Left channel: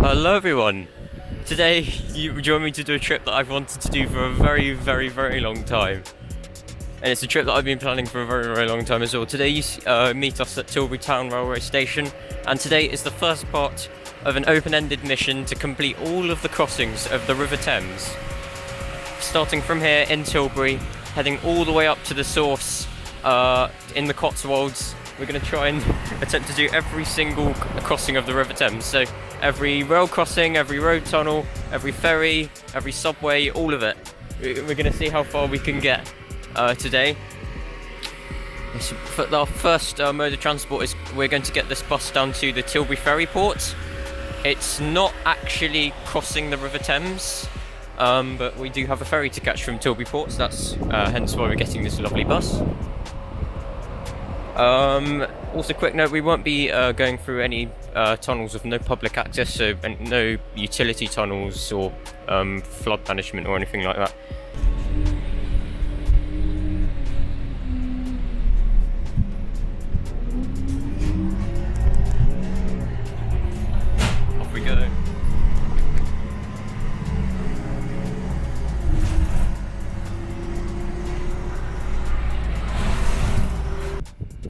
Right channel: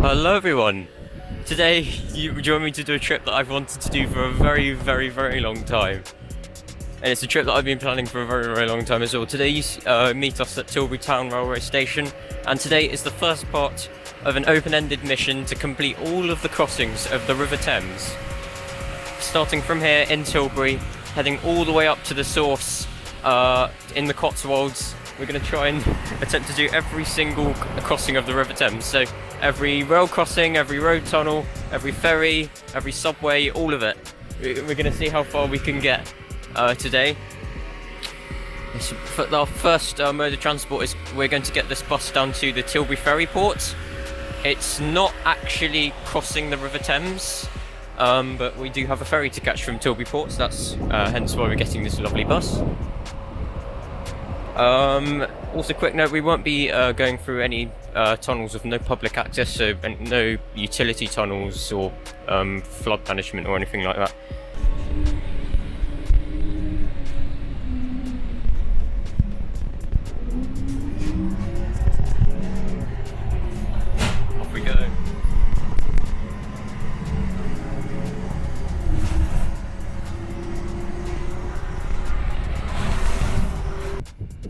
Hello everyone! Today you join me to do a trip that I've wanted to do for a very long time. And it's a trip that I've been planning for a very long time as well. Today you meet us at Tilbury Town Railway Station, and today is the first part of an open-ended mission to complete all of the crossings of the River Thames. Starting from here in Tilbury, heading all the way up to the source in the Cotswolds. We're going to try and attempt to do every single crossing of the River Thames. So every rail crossing, every road tunnel, every ferry, every subway, all of it. We're going to see how far we can get today. For our first mode of transport is we're going to get this bus down to the Tilbury ferry port. It's not actually crossing the River Thames, but we do have a ferry to catch from Tilbury port, so that's hence why we're getting this lovely bus. Also, quick note, we won't be going through any tunnels with no public access, so no utility tunnels or flood management or anything like that. Off we go.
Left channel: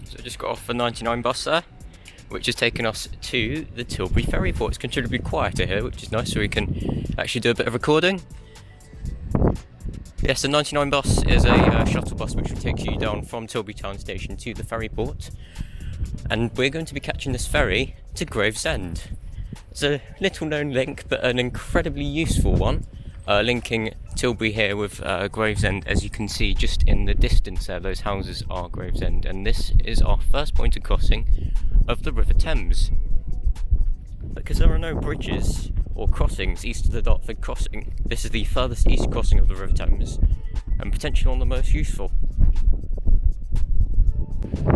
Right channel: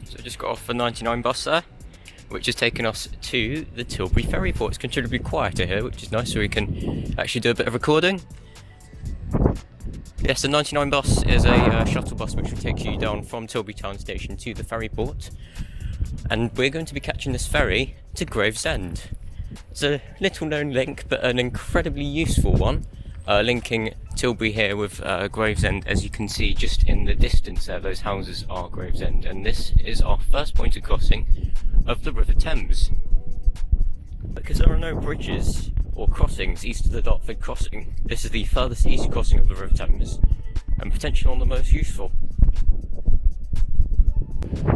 So just got off the 99 bus there, which has taken us to the Tilbury ferry port. It's considerably quieter here, which is nice, so we can actually do a bit of recording. Yes, the 99 bus is a shuttle bus which will take you down from Tilbury Town Station to the ferry port, and we're going to be catching this ferry to Gravesend. It's a little known link, but an incredibly useful one, linking Tilbury here with Gravesend. As you can see just in the distance there, those houses are Gravesend, and this is our first point of crossing of the River Thames. Because there are no bridges or crossings east of the Dartford crossing, this is the furthest east crossing of the River Thames, and potentially one of the most useful.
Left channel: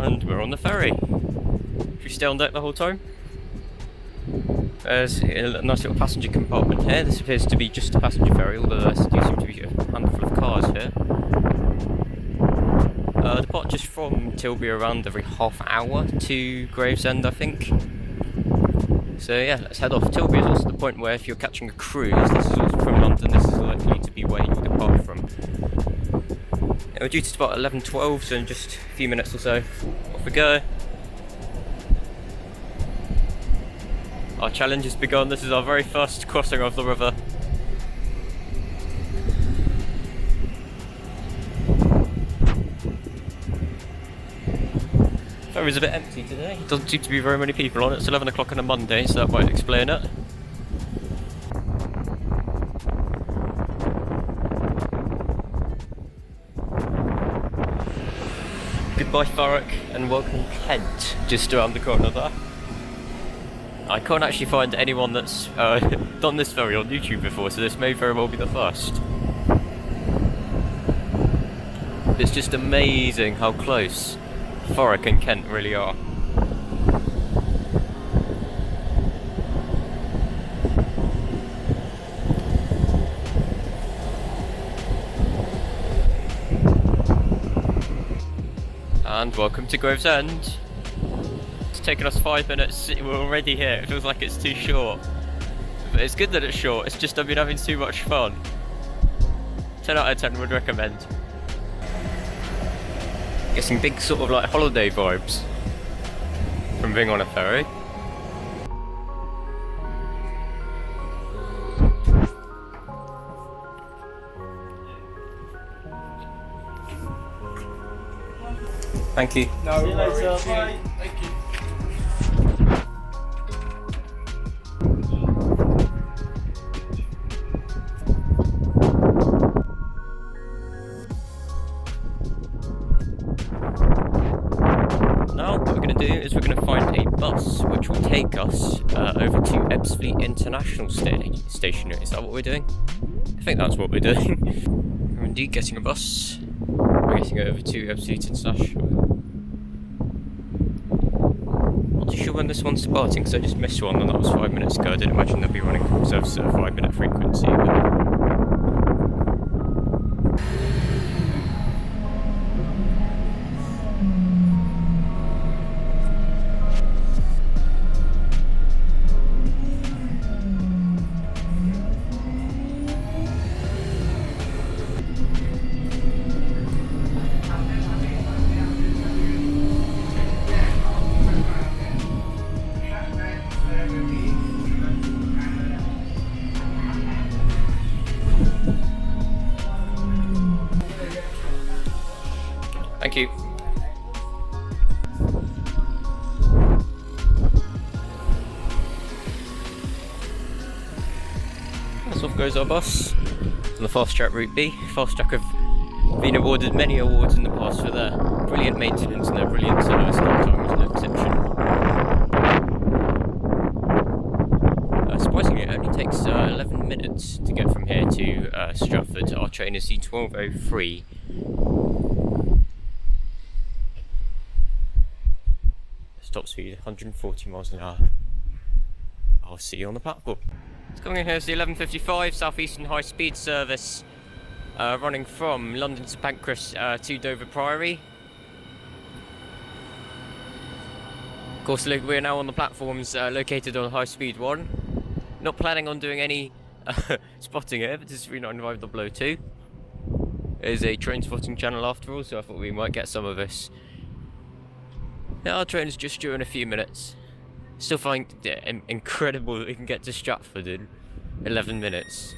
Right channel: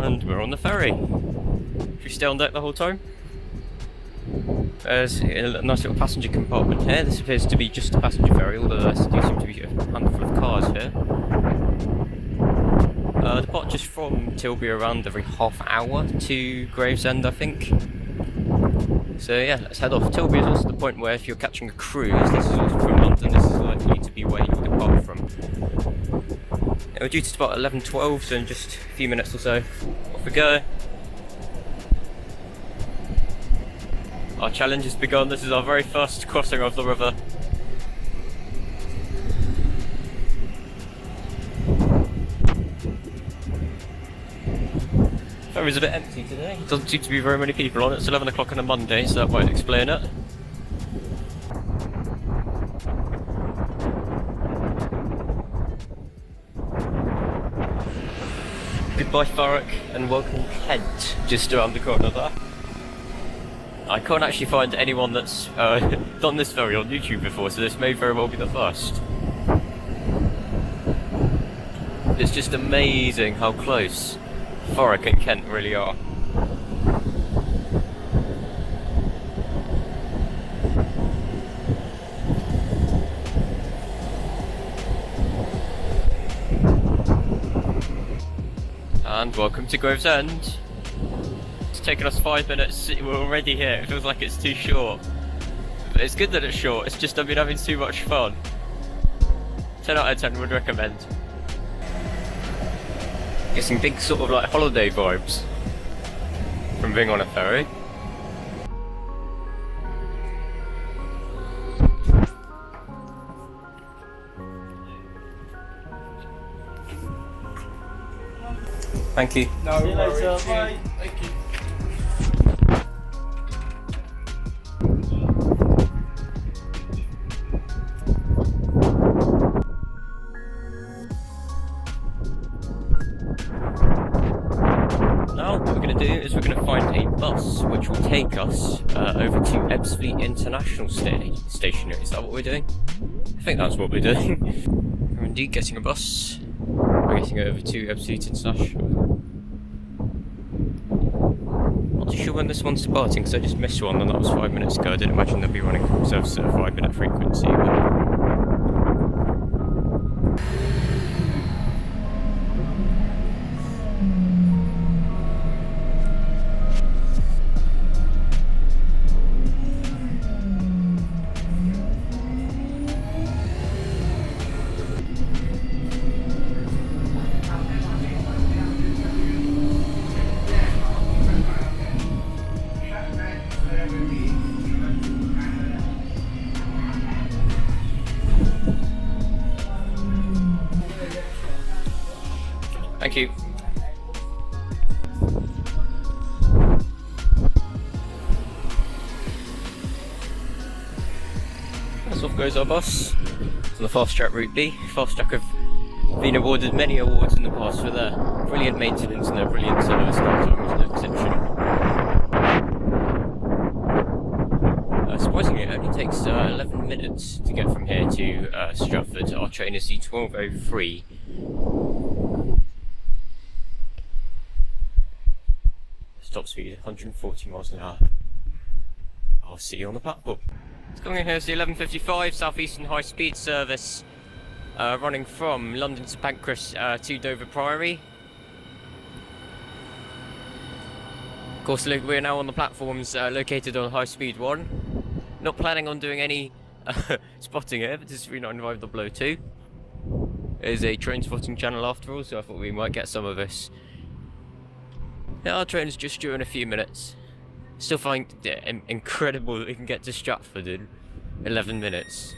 And we're on the ferry. Should we stay on deck the whole time? There's a nice little passenger compartment here. This appears to be just a passenger ferry, although there do seem to be a handful of cars here. Departures from Tilbury around every half hour to Gravesend, I think. So yeah, let's head off. Tilbury is also the point where if you're catching a cruise, this is from London, this is likely to be where you depart from. Yeah, we're due to depart at 11:12, so in just a few minutes or so. Off we go. Our challenge has begun. This is our very first crossing of the river. The ferry's a bit empty today. Doesn't seem to be very many people on it. It's 11 o'clock on a Monday, so that might explain it. Goodbye Thurrock and welcome Kent, just around the corner there. I can't actually find anyone that's done this ferry on YouTube before, so this may very well be the first. It's just amazing how close Thurrock and Kent really are. And welcome to Gravesend. It's taken us 5 minutes, we're already here. It feels like it's too short. But it's good that it's short, it's just I've been having too much fun. 10 out of 10 would recommend. Get some big sort of like holiday vibes from being on a ferry. Thank you. No, see you later. Bye. Thank you. Now what we're going to do is we're going to find a bus which will take us over to Purfleet International Station. Is that what we're doing? I think that's what we're doing. We're indeed getting a bus. We're getting over to Purfleet International. Not too sure when this one's departing because I just missed one and that was 5 minutes ago. I didn't imagine they'd be running service at a 5-minute frequency. Thank you. That's off goes our bus on the fast track route B. Fast track have been awarded many awards in the past for their brilliant maintenance and their brilliant service. Time was no exception. Surprisingly, it only takes 11 minutes to get from here to Stratford. Our train is C1203. Stop speed 140 miles an hour. I'll see you on the platform. Coming in here is the 11:55 South Eastern High Speed service, running from London to Pancras to Dover Priory. Of course, we're now on the platforms located on High Speed 1. Not planning on doing any spotting here, but this is 395.02. It is a train spotting channel after all, so I thought we might get some of this. Now our train is just due in a few minutes. Still find it incredible that we can get to Stratford in 11 minutes.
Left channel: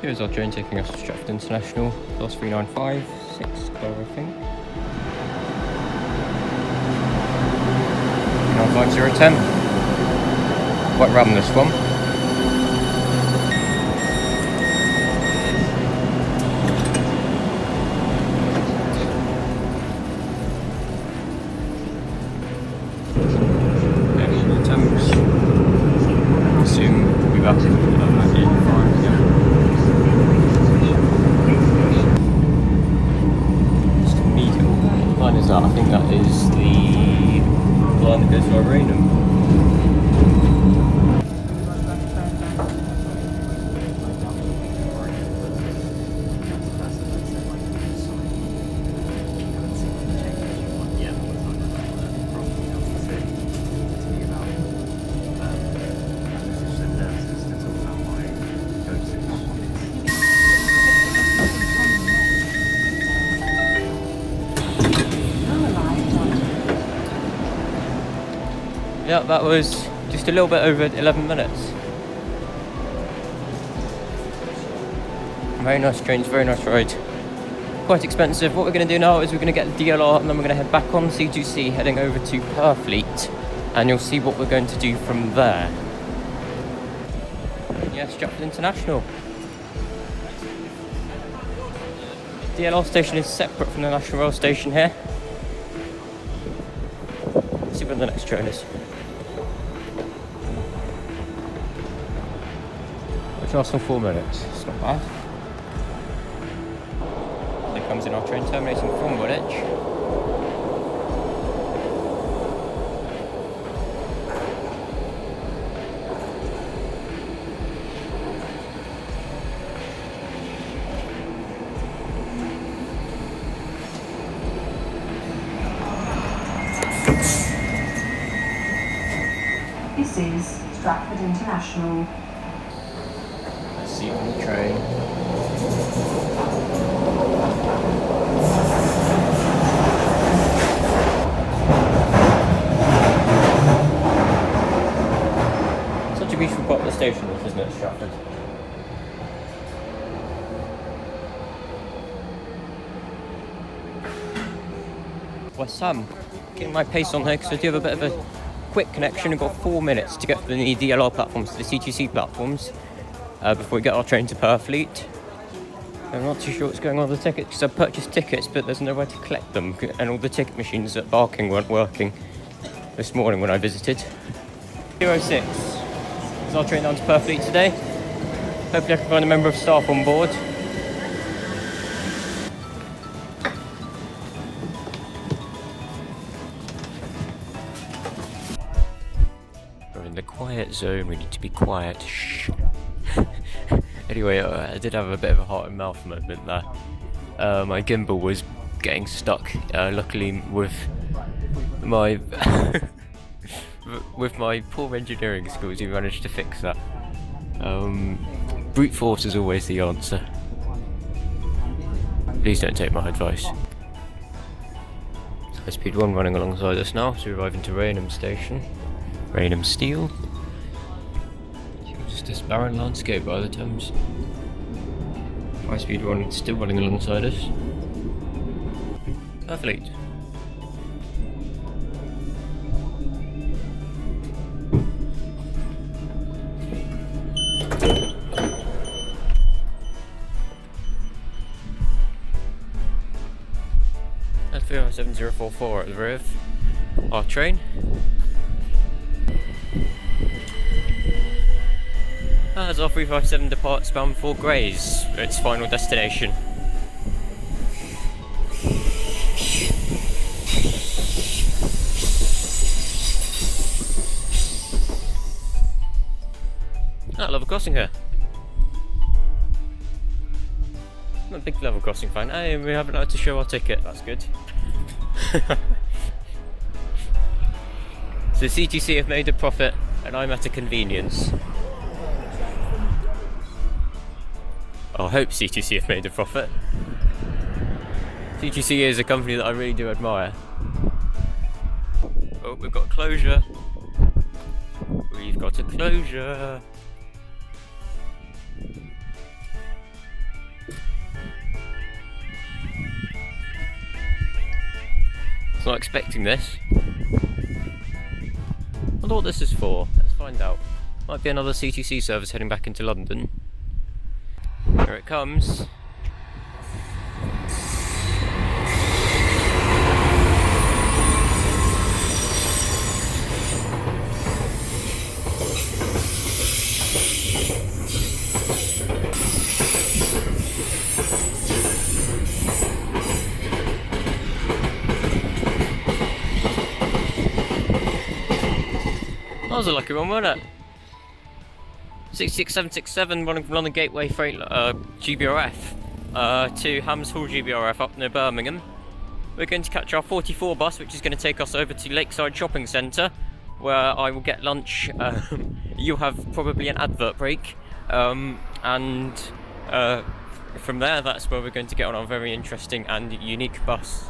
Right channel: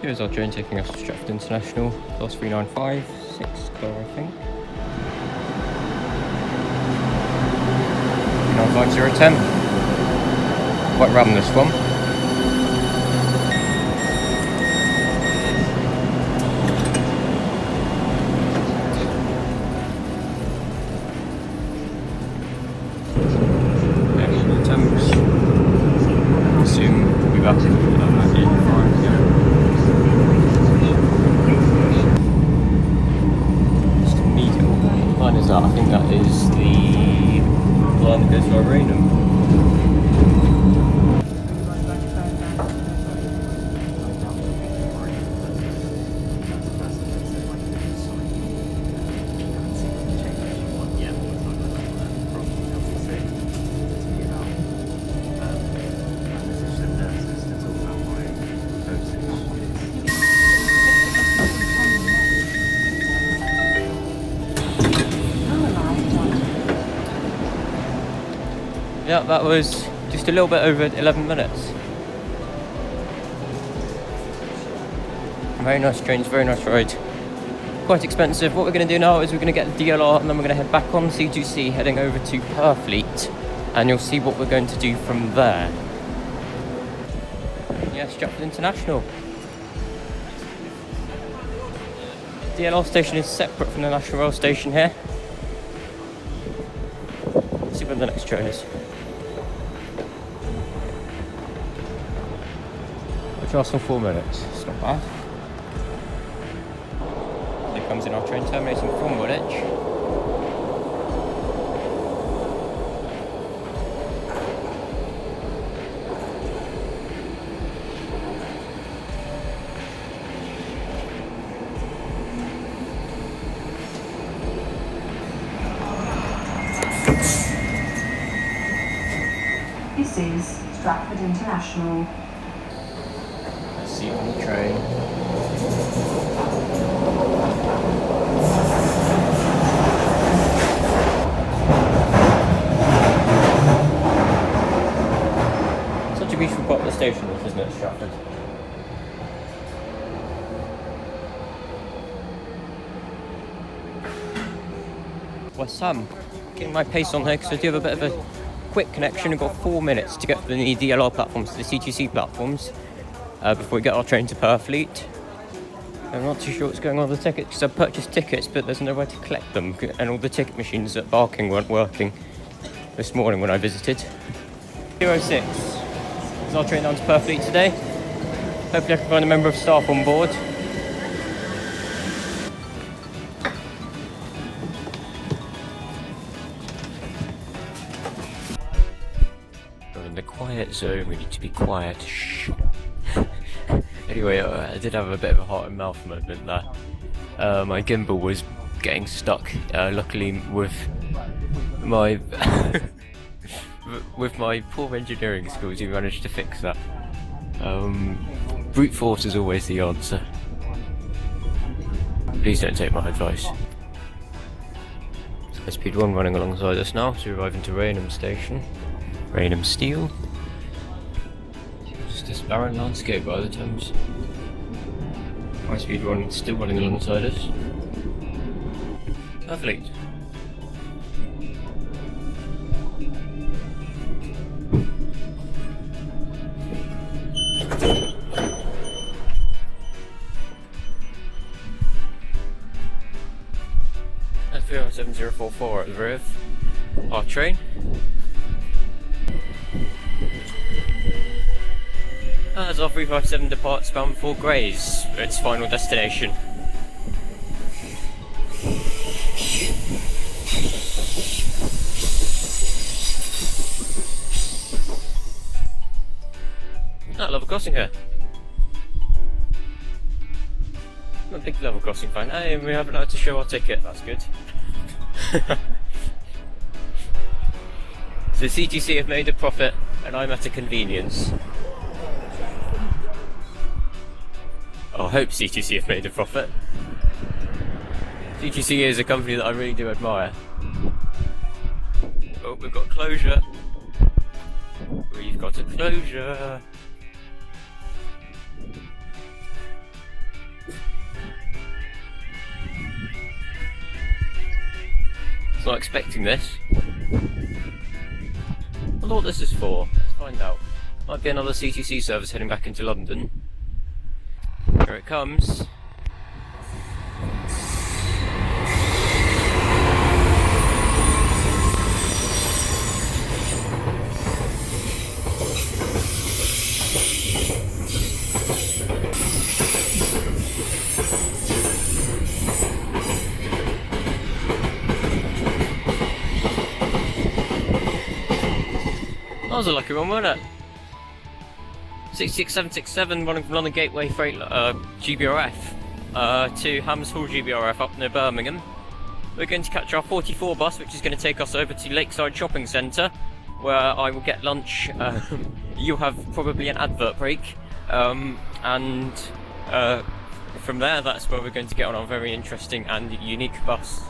Here's our train taking us to Stratford International, class 395, 6 car I think. 395.010. Quite random this one. Thames. I assume we'll be back in 85. Just immediate. What line is that? I think that is the line that goes to Rainham. Yeah, that was just a little bit over 11 minutes. Very nice trains, very nice ride. Quite expensive. What we're going to do now is we're going to get the DLR and then we're going to head back on C2C, heading over to Purfleet, and you'll see what we're going to do from there. Yeah, Stratford International. DLR station is separate from the National Rail station here. Let's see where the next train is. Which lasts on 4 minutes. It's not bad. There comes in our train terminating from Woolwich. This is Stratford International. Let's see on the train. Such a beautiful part of the station, isn't it, Stratford? Well, Sam, getting my pace on here because I do have a bit of a quick connection. We've got 4 minutes to get from the DLR platforms to the C2C platforms before we get our train to Purfleet. I'm not too sure what's going on with the tickets because I've purchased tickets but there's nowhere to collect them, and all the ticket machines at Barking weren't working this morning when I visited. 06 is our train down to Purfleet today. Hopefully I can find a member of staff on board. We're in the quiet zone, we need to be quiet. Shh. Anyway, I did have a bit of a heart and mouth moment there. My gimbal was getting stuck. Luckily, with my with my poor engineering skills, we managed to fix that. Brute force is always the answer. Please don't take my advice. High Speed 1 running alongside us now, so we arrive into Rainham Station. Rainham Steel. Just this barren landscape by the Thames. High Speed 1 still running alongside us. Purfleet. That's 37044 at the Riv. Our train. As our 357 departs bound for Grays, its final destination. I love a crossing here. I'm a big level crossing fan. Hey, we haven't had to show our ticket, that's good. So CTC have made a profit and I'm at a convenience. I hope CTC have made a profit. CTC is a company that I really do admire. Oh, we've got closure. We've got a closure. I was not expecting this. I wonder what this is for. Let's find out. Might be another CTC service heading back into London. Here it comes. That was a lucky one, wasn't it? 66767 running from London Gateway Freight GBRF to Hams Hall GBRF up near Birmingham. We're going to catch our 44 bus, which is going to take us over to Lakeside Shopping Centre, where I will get lunch. You'll have probably an advert break, and from there, that's where we're going to get on our very interesting and unique bus.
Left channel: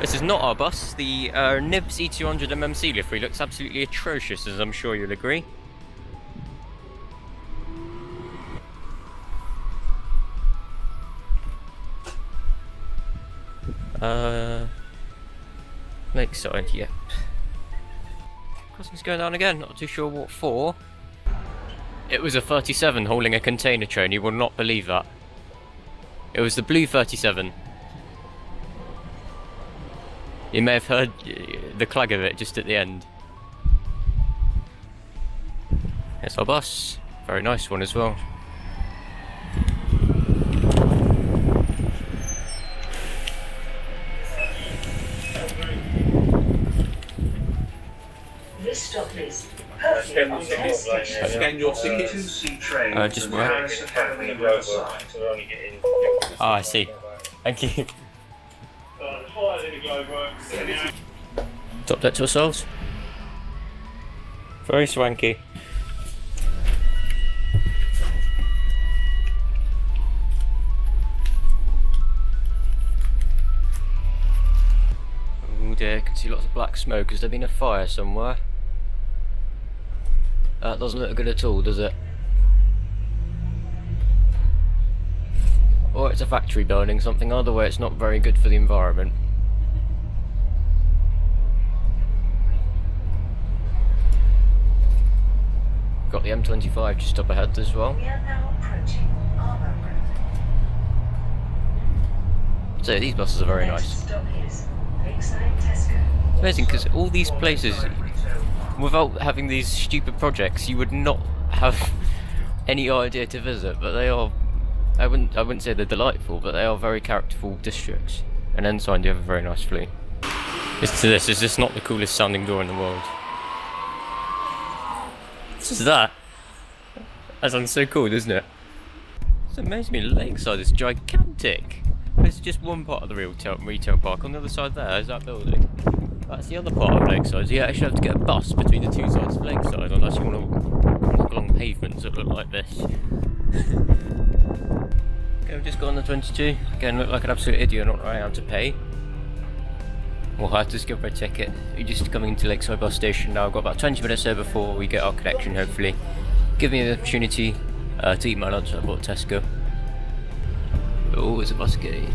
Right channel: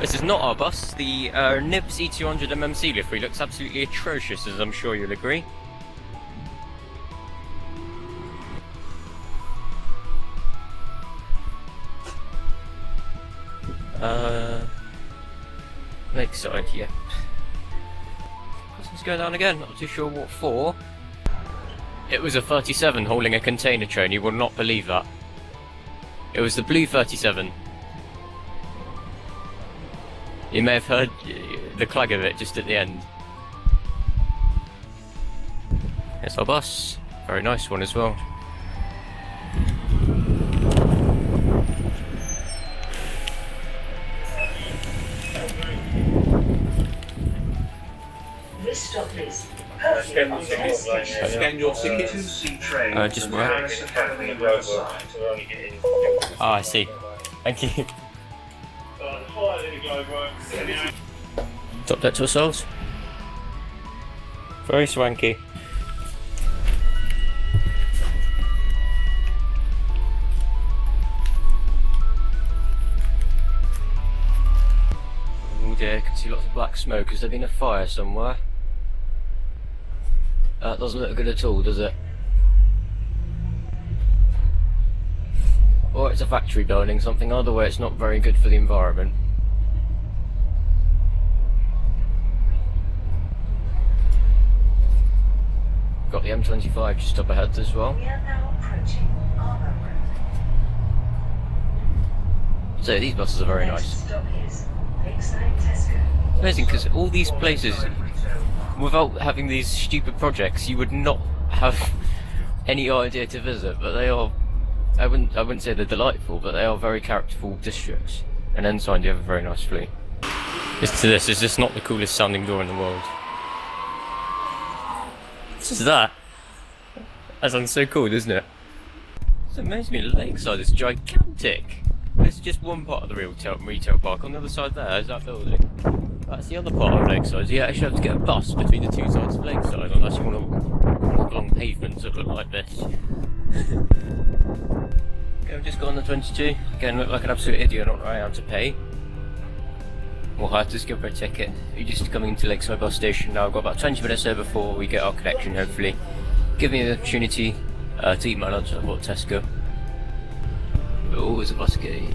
This is not our bus. The Nibs E200 MMC livery looks absolutely atrocious, as I'm sure you'll agree. Lakeside, yep. Customs going down again, not too sure what for. It was a 37 hauling a container train, you will not believe that. It was the blue 37. You may have heard the clag of it just at the end. Here's our bus. Very nice one as well. This stop is Scan your tickets. Just right. Ah, I see. Thank you. Top deck to ourselves. Very swanky. Oh dear, I can see lots of black smoke. Has there been a fire somewhere? That doesn't look good at all, does it? Or it's a factory burning something, either way it's not very good for the environment. Got the M25 just up ahead as well. we are now approaching Harbour. So these buses are very nice. Stop is Lakeside Tesco. Amazing, because all these places, without having these stupid projects, you would not have any idea to visit, but they are, I wouldn't say they're delightful, but they are very characterful districts. And inside you have a very nice fleet. Listen to this, is this not the coolest sounding door in the world? What is that? That sounds so cool, doesn't it? It's amazing, Lakeside is gigantic. There's just one part of the retail park. On the other side there is that building. That's the other part of Lakeside. So you actually have to get a bus between the two sides of Lakeside on nice long pavements that look like this. Okay, we've just got on the 22. Again, look like an absolute idiot, not knowing how to pay. We'll have to skip our ticket. We're just coming into Lakeside bus station now. I've got about 20 minutes there before we get our connection, hopefully. Give me the opportunity to eat my lunch. I've got Tesco. Oh, there's a bus gate.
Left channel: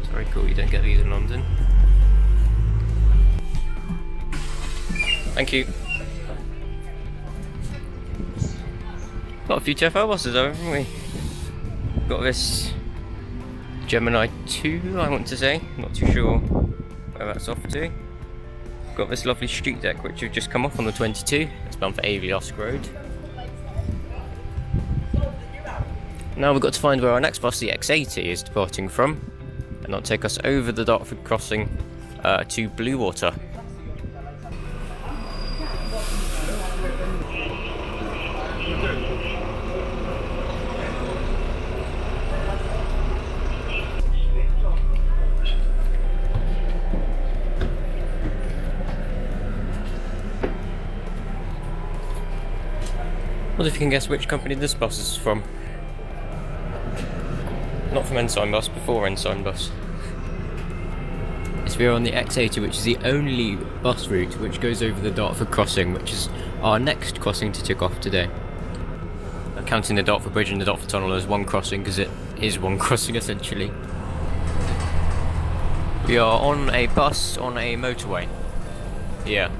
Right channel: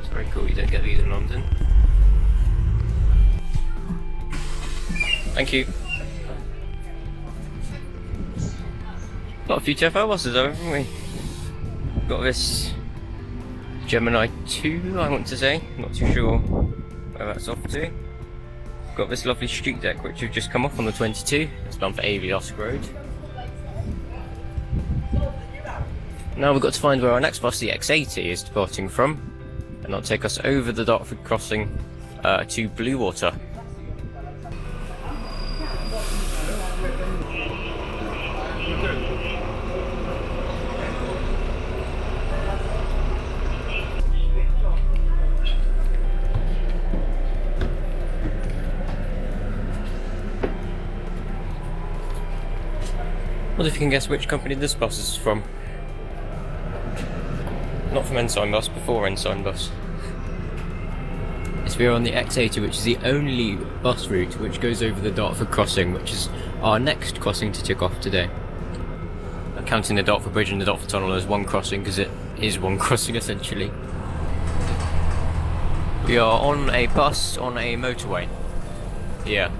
It's very cool, you don't get these in London. Thank you. Got a few TfL buses though, haven't we? Got this Gemini 2, I want to say. Not too sure where that's off to. Got this lovely street deck which we've just come off on the 22. It's done for AV Lusk Road. Now we've got to find where our next bus, the X80, is departing from, and that'll take us over the Dartford crossing to Bluewater. What if you can guess which company this bus is from? Not from Ensign Bus, before Ensign Bus. It's we're on the X80, which is the only bus route which goes over the Dartford crossing, which is our next crossing to tick off today. Counting the Dartford Bridge and the Dartford Tunnel as one crossing, because it is one crossing essentially. We are on a bus on a motorway. Yeah.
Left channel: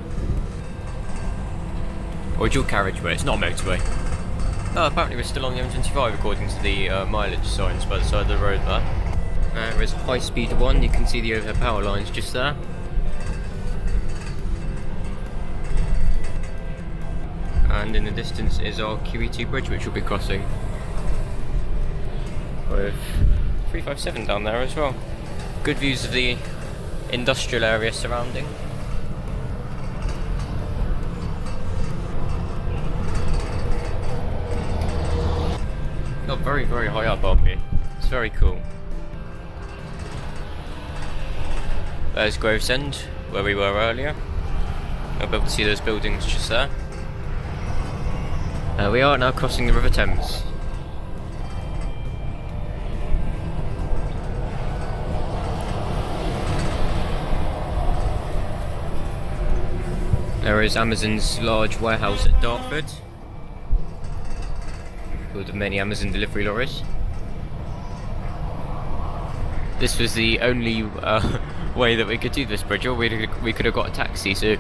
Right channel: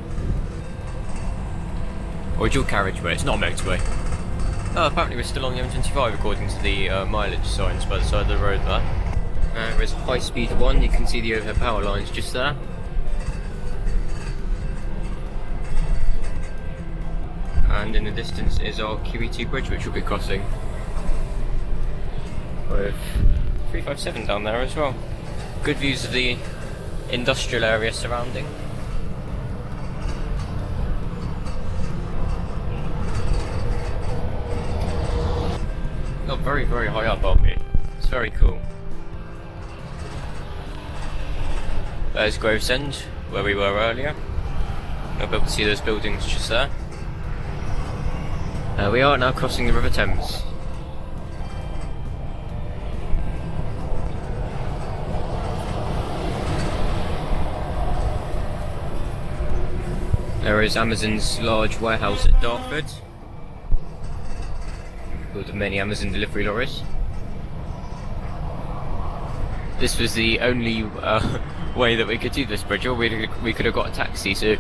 Or a dual carriageway, it's not a motorway. Oh, apparently we're still on the M25 according to the mileage signs by the side of the road there. There's high speed 1, you can see the overhead power lines just there. And in the distance is our QE2 bridge which we'll be crossing. With 357 down there as well. Good views of the industrial area surrounding. Got very, very high up, aren't we? It's very cool. There's Gravesend, where we were earlier. I'll be able to see those buildings just there. We are now crossing the River Thames. There is Amazon's large warehouse at Dartford, with many Amazon delivery lorries. This was the only way that we could do this bridge, or we could have got a taxi, so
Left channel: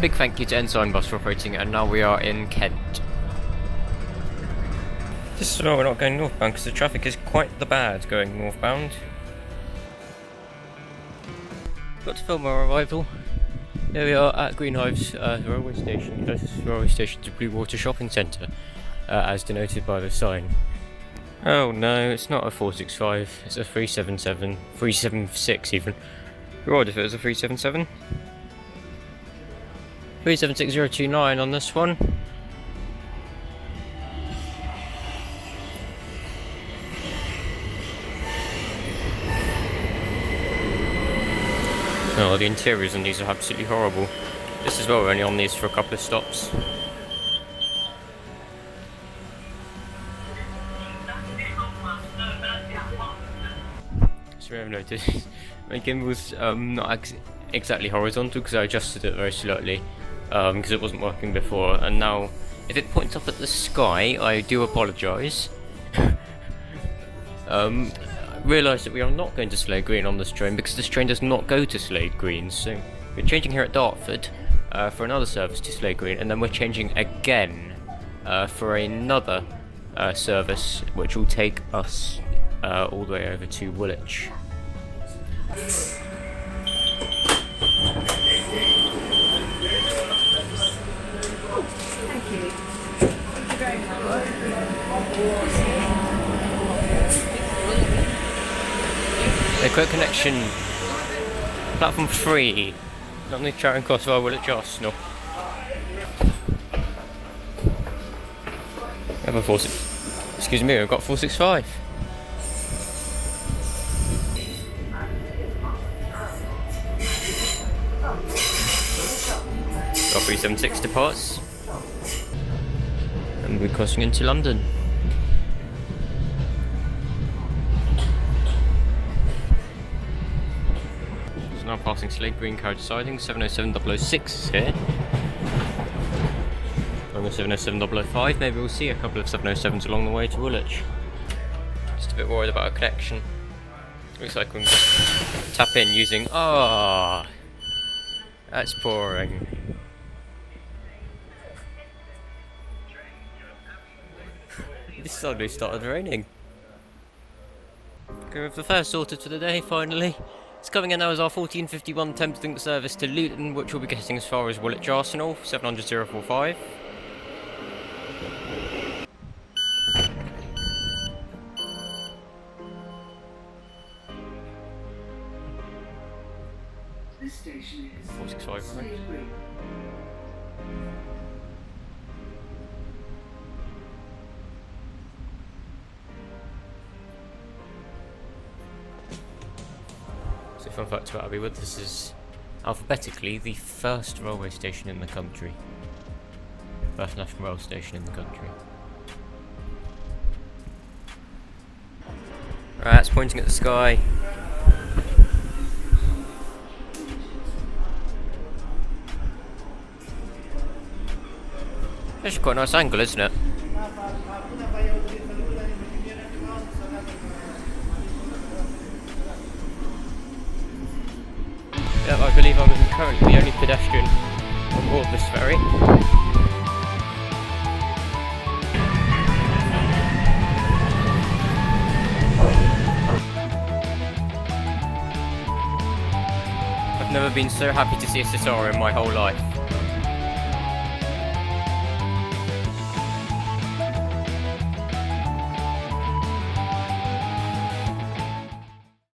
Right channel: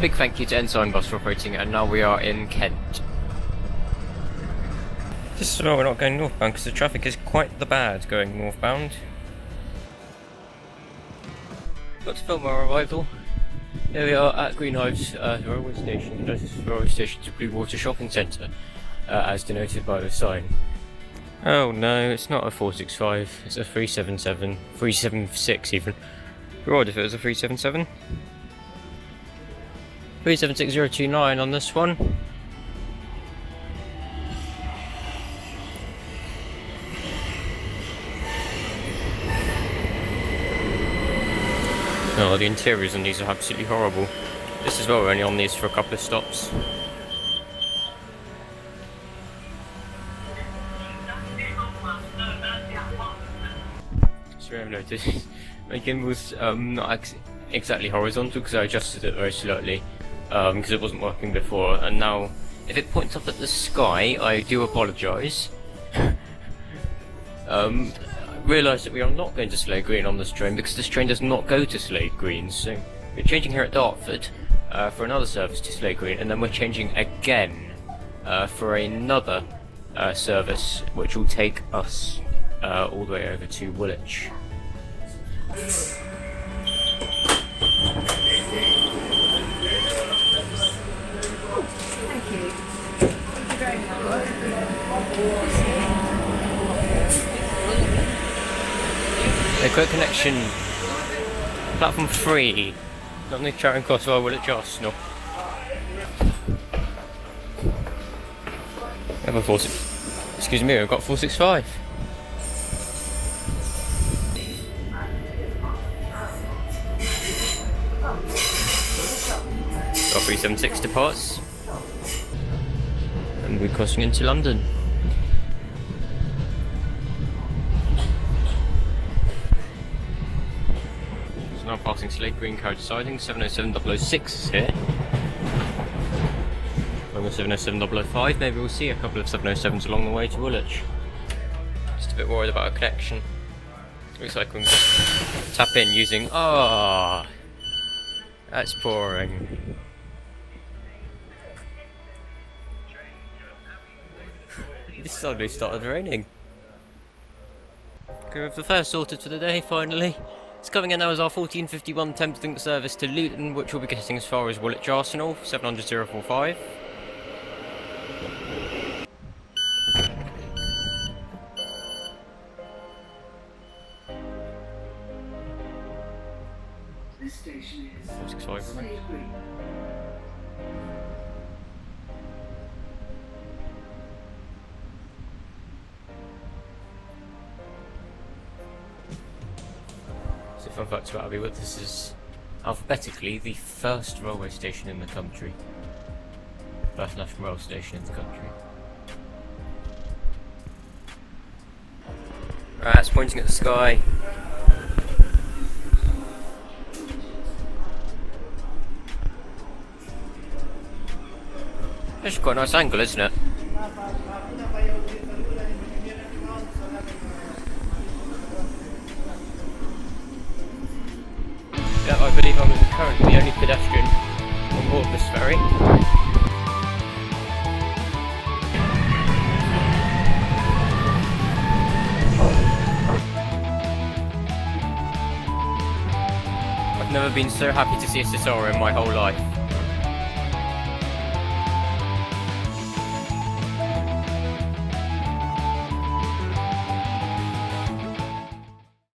big thank you to Ensign Bus for operating it, and now we are in Kent. This is why we're not going northbound, because the traffic is quite the bad going northbound. Got to film our arrival. Here we are at Greenhive's railway station, railway station to Bluewater Shopping Centre, as denoted by the sign. Oh no, it's not a 465, it's a 377, 376 even. You're odd if it was a 377. 376029 on this one. Oh, the interiors on these are absolutely horrible. This as well, we're only on these for a couple of stops. So I've noticed my gimbal's not exactly horizontal because I adjusted it very slightly because it wasn't working before, and now if it points up at the sky, I do apologise. Realised that we are not going to Slade Green on this train because this train does not go to Slade Green, so we're changing here at Dartford for another service to Slade Green, and then we're changing again for another service which will take us all the way over to Woolwich. A quick connection. Platform 3. Not me Charing Cross or Woolwich Arsenal. I have a 46. Excuse me, I've got 465. Got 376 departs. And we're crossing into London. Now passing Slade Green carriage siding, 707 006 is here. the 707-005. Maybe we'll see a couple of 707s along the way to Woolwich. Just a bit worried about a connection. Looks like we can just tap in using... Ah, that's pouring. It suddenly started raining. Okay, we have the fare sorted for the day, finally. It's coming in now as our 1451 Thames Link service to Luton, which will be getting as far as Woolwich Arsenal, 700-045. This station is 465, right? So fun fact about Abbeywood, this is alphabetically the first railway station in the country. First national rail station in the country. Right, it's pointing at the sky. It's quite a nice angle, isn't it? Yeah, I believe I'm currently the only pedestrian on board this ferry. I've never been so happy to see a sitar in my whole life.